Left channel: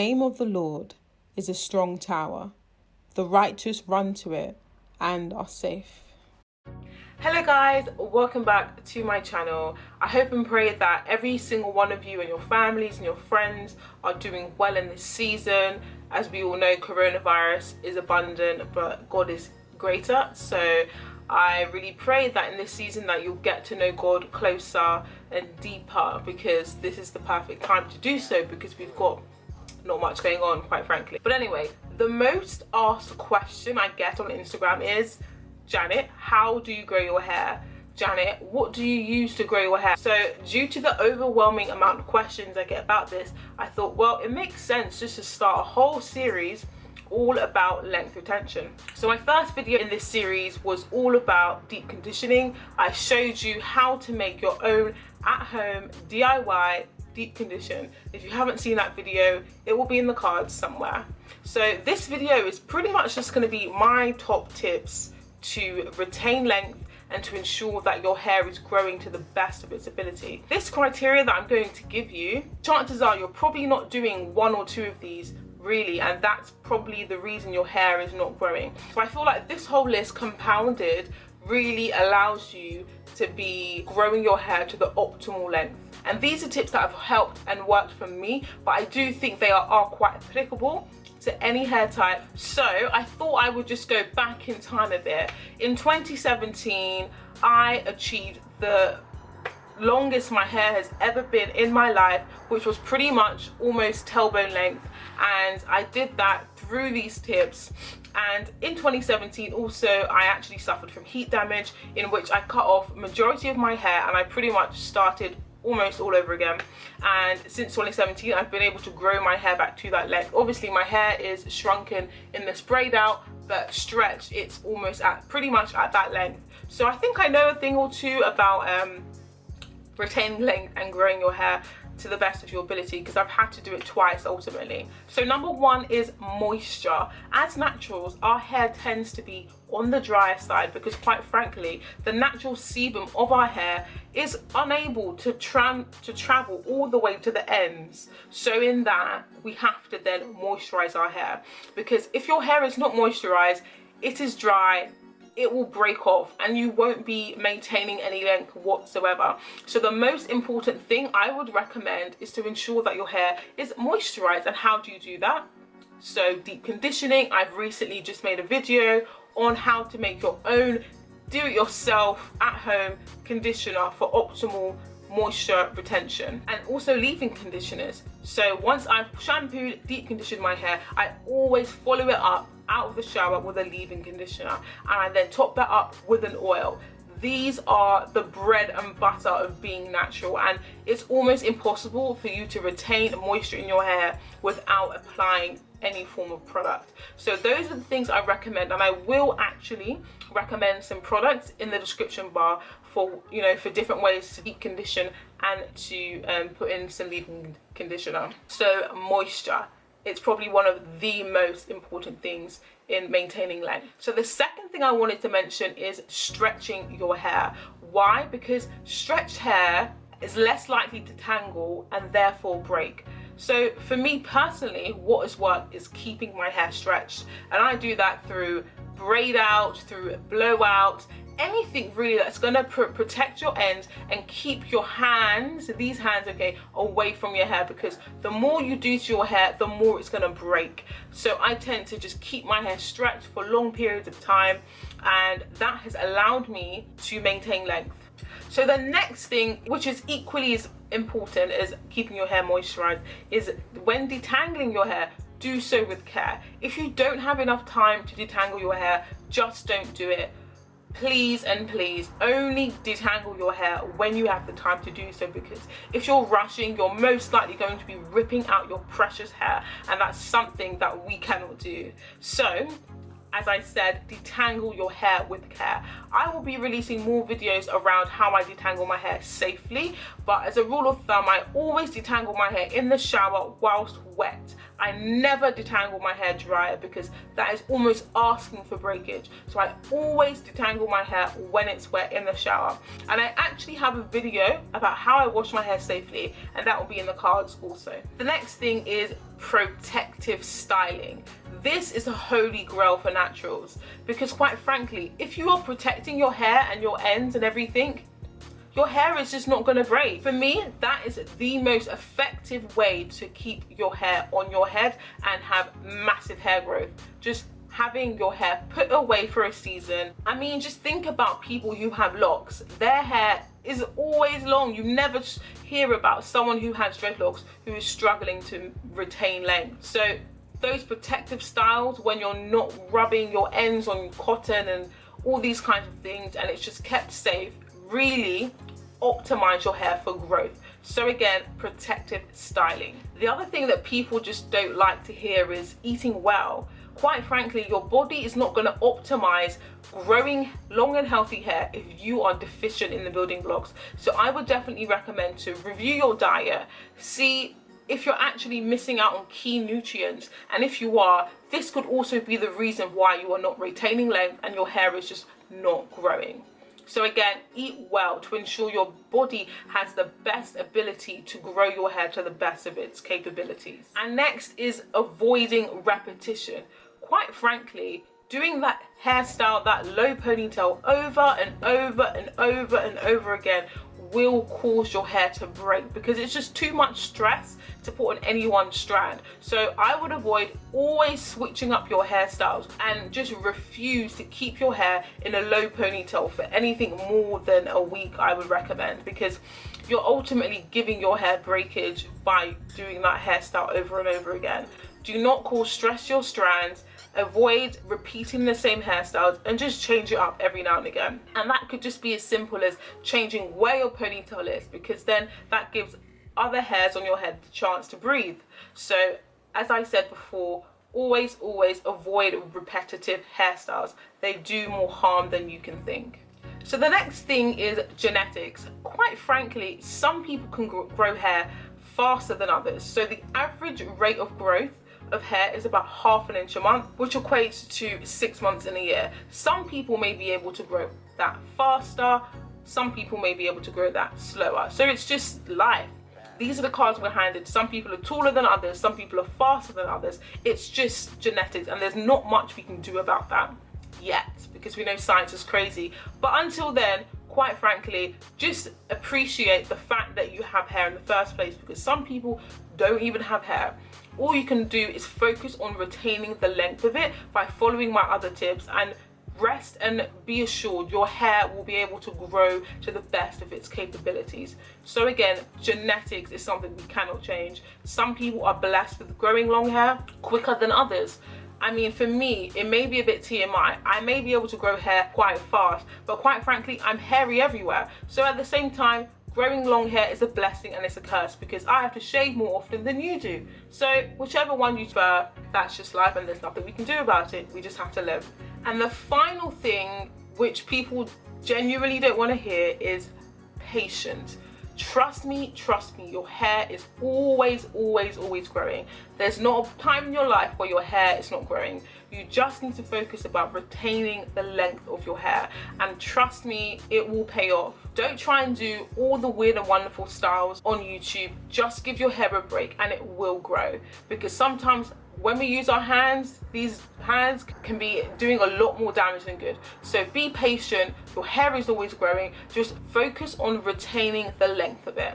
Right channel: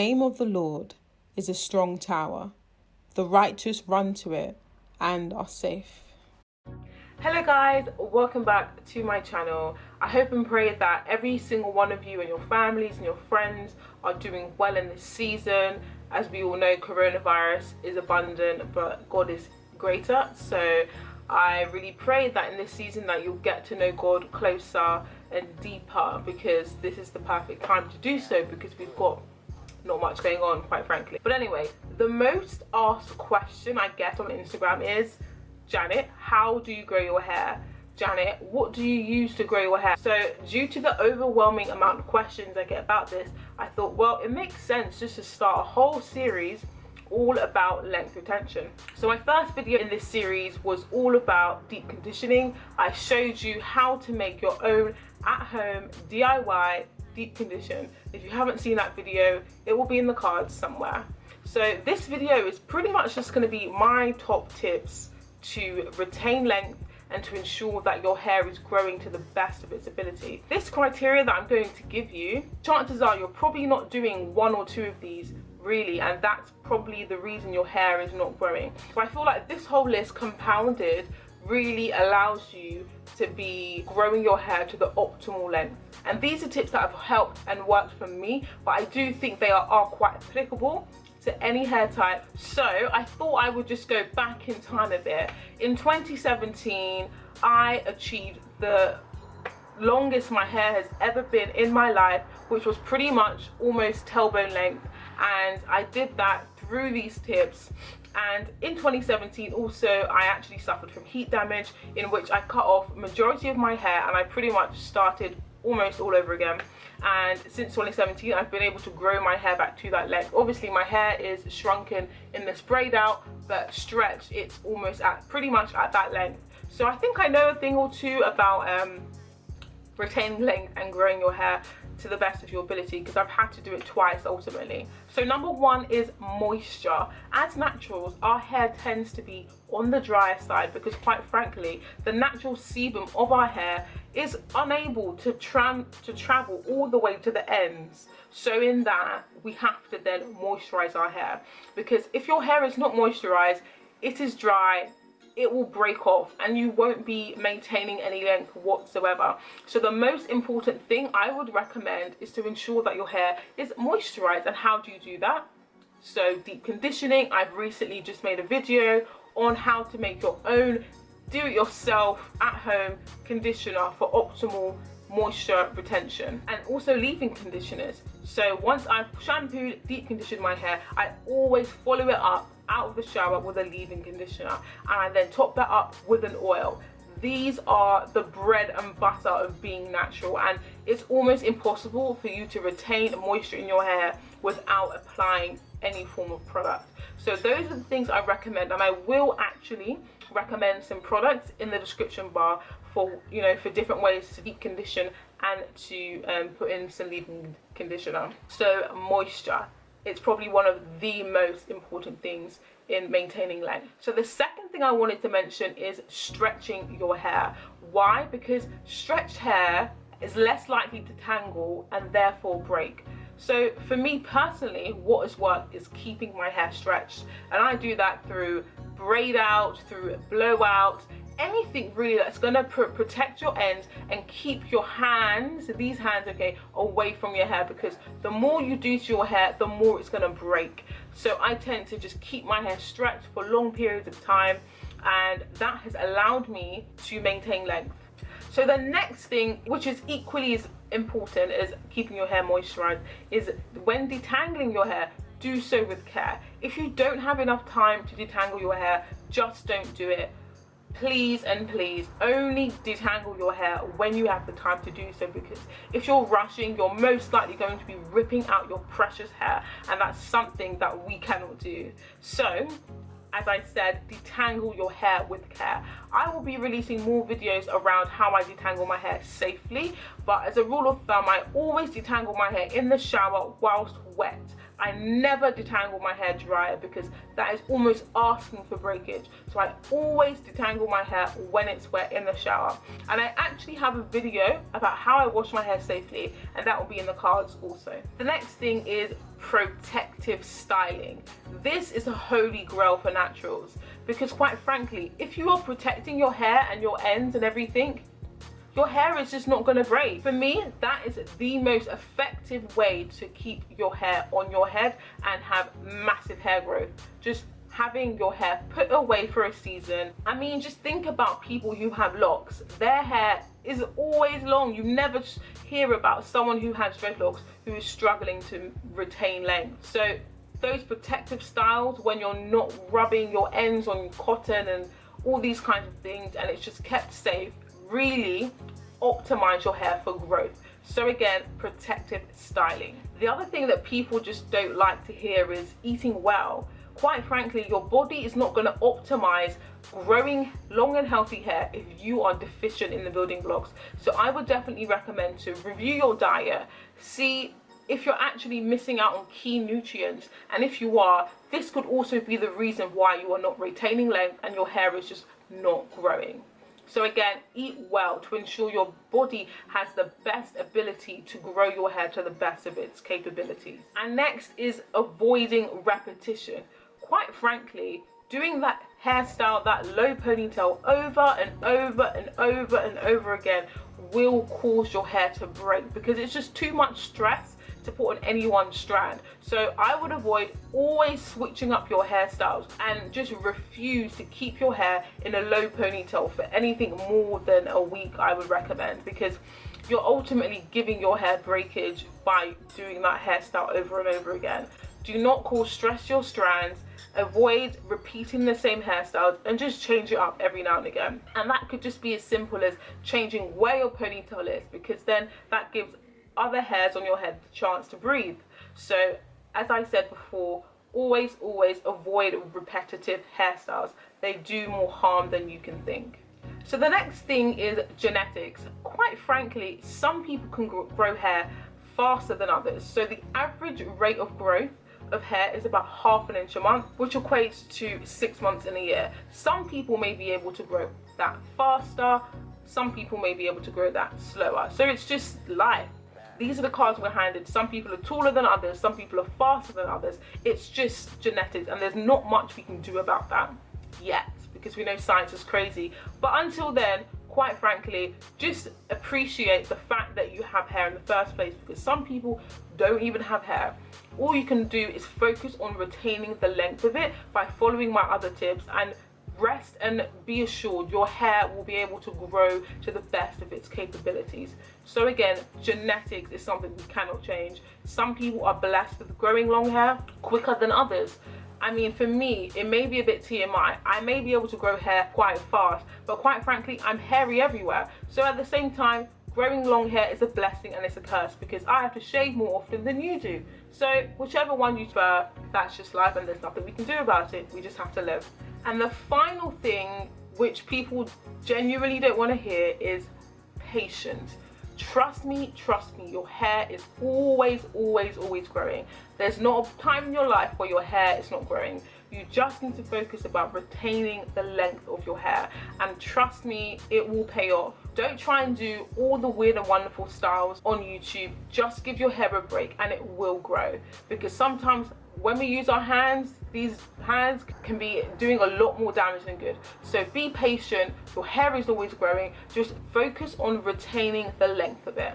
name of the Lord is a strong tower. The righteous run to it and are safe. Hello guys, welcome back to my channel. I hope and pray that every single one of you and your families and your friends are doing well in this season. As we all know, coronavirus is abundant, but God is greater. So I really pray that in this season that you'll get to know God closer and deeper, because this is the perfect time to do so, because we've got not much going on, quite frankly. But anyway, the most asked question I get on Instagram is, Janet, how do you grow your hair? Janet, what do you use to grow your hair? So due to the overwhelming amount of questions I get about this, I thought, well, it makes sense just to start a whole series all about length retention. So my first video in this series was all about deep conditioning. I showed you how to make your own at-home DIY deep condition. If you haven't seen that video, it will be in the cards somewhere. So this video is pretty much just going to be my top tips to retain length and to ensure that your hair is growing to the best of its ability. This criteria that I'm going to give you, chances are you're probably not doing one or two of these really, and that's probably the reason your hair is not growing. So I feel like this whole list compounded really allows you to be growing your hair to the optimal length. And these are tips that have helped and worked for me, but I do think they are quite applicable to any hair type. So I thought I would just go back in time a bit. In 2017, I achieved the longest my hair has ever been in my life, which was pretty much almost tailbone length, and I did that through these tips. And in 2017 also, I actually suffered from heat damage, in which I cut off majority of my hair and I pretty much started almost all over again. And since 2017, I've been able to grow my hair back to that length. Obviously my hair is shrunken in the sprayed out, but stretched, it's almost at pretty much at that length. So I think I know a thing or two about retaining length and growing your hair to the best of your ability, because I've had to do it twice ultimately. So number one is moisture. As naturals, our hair tends to be on the drier side because, quite frankly, the natural sebum of our hair is unable to travel all the way to the ends. So in that, we have to then moisturize our hair, because if your hair is not moisturized, it is dry, it will break off and you won't be maintaining any length whatsoever. So the most important thing I would recommend is to ensure that your hair is moisturized. And how do you do that? So deep conditioning. I've recently just made a video on how to make your own do-it-yourself at-home conditioner for optimal moisture retention, and also leave-in conditioners. So once I've shampooed, deep conditioned my hair, I always follow it up out of the shower with a leave-in conditioner, and I then top that up with an oil. These are the bread and butter of being natural, and it's almost impossible for you to retain moisture in your hair without applying any form of product. So those are the things I recommend, and I will actually recommend some products in the description bar for, you know, for different ways to deep condition and to put in some leave-in conditioner. So moisture, it's probably one of the most important things in maintaining length. So the second thing I wanted to mention is stretching your hair. Why? Because stretched hair is less likely to tangle and therefore break. So for me personally, what has worked is keeping my hair stretched, and I do that through braid out, through blowout, anything really that's gonna protect your ends and keep your hands, these hands, okay, away from your hair, because the more you do to your hair, the more it's gonna break. So I tend to just keep my hair stretched for long periods of time, and that has allowed me to maintain length. So the next thing, which is equally as important as keeping your hair moisturized, is when detangling your hair, do so with care. If you don't have enough time to detangle your hair, just don't do it. Please and please only detangle your hair when you have the time to do so, because if you're rushing, you're most likely going to be ripping out your precious hair, and that's something that we cannot do. So as I said, detangle your hair with care. I will be releasing more videos around how I detangle my hair safely, but as a rule of thumb, I always detangle my hair in the shower whilst wet. I never detangle my hair dry, because that is almost asking for breakage. So I always detangle my hair when it's wet in the shower. And I actually have a video about how I wash my hair safely, and that will be in the cards also. The next thing is protective styling. This is a holy grail for naturals, because quite frankly, if you are protecting your hair and your ends and everything, your hair is just not going to break. For me, that is the most effective way to keep your hair on your head and have massive hair growth. Just having your hair put away for a season. I mean, just think about people who have locks. Their hair is always long. You never hear about someone who has dreadlocks who is struggling to retain length. So those protective styles, when you're not rubbing your ends on cotton and all these kinds of things, and it's just kept safe, really optimize your hair for growth. So again, protective styling. The other thing that people just don't like to hear is eating well. Quite frankly, your body is not going to optimize growing long and healthy hair if you are deficient in the building blocks. So I would definitely recommend to review your diet, see if you're actually missing out on key nutrients, and if you are, this could also be the reason why you are not retaining length and your hair is just not growing. So again, eat well to ensure your body has the best ability to grow your hair to the best of its capabilities. And next is avoiding repetition. Quite frankly, doing that hairstyle, that low ponytail over and over and over and over again will cause your hair to break, because it's just too much stress to put on any one strand. So I would avoid always switching up your hairstyles and just refuse to keep your hair in a low ponytail for anything more than a week, I would recommend, because you're ultimately giving your hair breakage by doing that hairstyle over and over again. Do not cause stress to your strands. Avoid repeating the same hairstyles and just change it up every now and again. And that could just be as simple as changing where your ponytail is, because then that gives other hairs on your head the chance to breathe. So as I said before, always avoid repetitive hairstyles. They do more harm than you can think. So the next thing is genetics. Quite frankly, some people can grow hair faster than others. So the average rate of growth of hair is about ½ inch a month, which equates to 6 months in a year. Some people may be able to grow that faster, some people may be able to grow that slower. So it's just life. These are the cards we're handed. Some people are taller than others, some people are faster than others. It's just genetics, and there's not much we can do about that yet, because we know science is crazy. But until then, quite frankly, just appreciate the fact that you have hair in the first place, because some people don't even have hair. All you can do is focus on retaining the length of it by following my other tips, and rest and be assured your hair will be able to grow to the best of its capabilities. So again, genetics is something we cannot change. Some people are blessed with growing long hair quicker than others. I mean, for me, it may be a bit TMI. I may be able to grow hair quite fast, but quite frankly, I'm hairy everywhere. So at the same time, growing long hair is a blessing and it's a curse, because I have to shave more often than you do. So whichever one you prefer, that's just life, and there's nothing we can do about it. We just have to live. And the final thing, which people genuinely don't want to hear, is patience. Trust me, your hair is always growing. There's not a time in your life where your hair is not growing. You just need to focus about retaining the length of your hair, and trust me, it will pay off. Don't try and do all the weird and wonderful styles on YouTube. Just give your hair a break and it will grow, because sometimes when we use our hands, these hands can be doing a lot more damage than good. So be patient, your hair is always growing, just focus on retaining the length of it.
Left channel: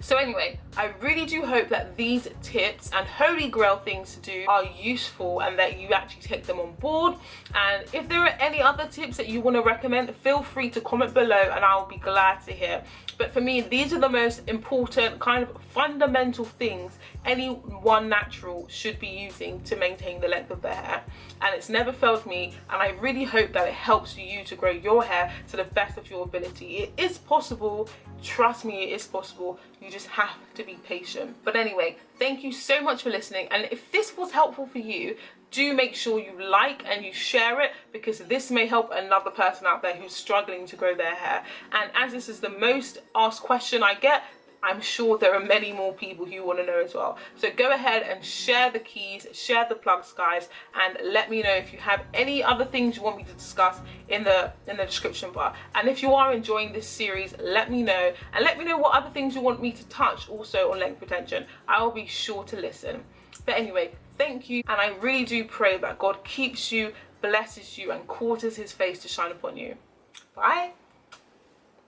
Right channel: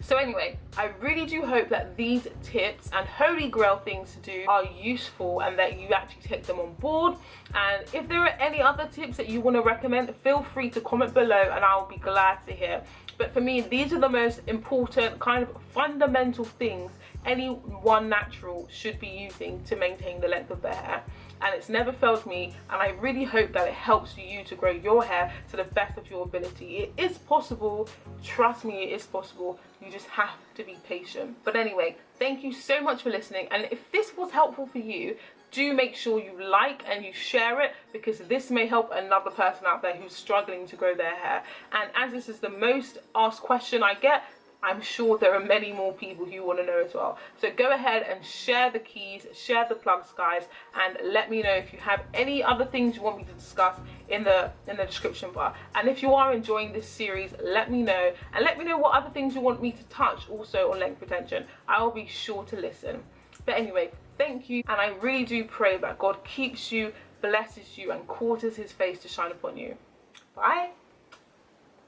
So anyway, I really do hope that these tips and holy grail things to do are useful and that you actually take them on board. And if there are any other tips that you want to recommend, feel free to comment below and I'll be glad to hear. But for me, these are the most important kind of fundamental things anyone natural should be using to maintain the length of their hair. And it's never failed me, and I really hope that it helps you to grow your hair to the best of your ability. It is possible, trust me, it is possible. You just have to be patient. But anyway, thank you so much for listening, and if this was helpful for you, do make sure you like and you share it, because this may help another person out there who's struggling to grow their hair. And as this is the most asked question I get, I'm sure there are many more people who want to know as well. So go ahead and share the keys, share the plugs, guys, and let me know if you have any other things you want me to discuss in the description bar. And if you are enjoying this series, let me know, and let me know what other things you want me to touch also on length retention. I will be sure to listen. But anyway, thank you, and I really do pray that God keeps you, blesses you, and causes his face to shine upon you. Bye.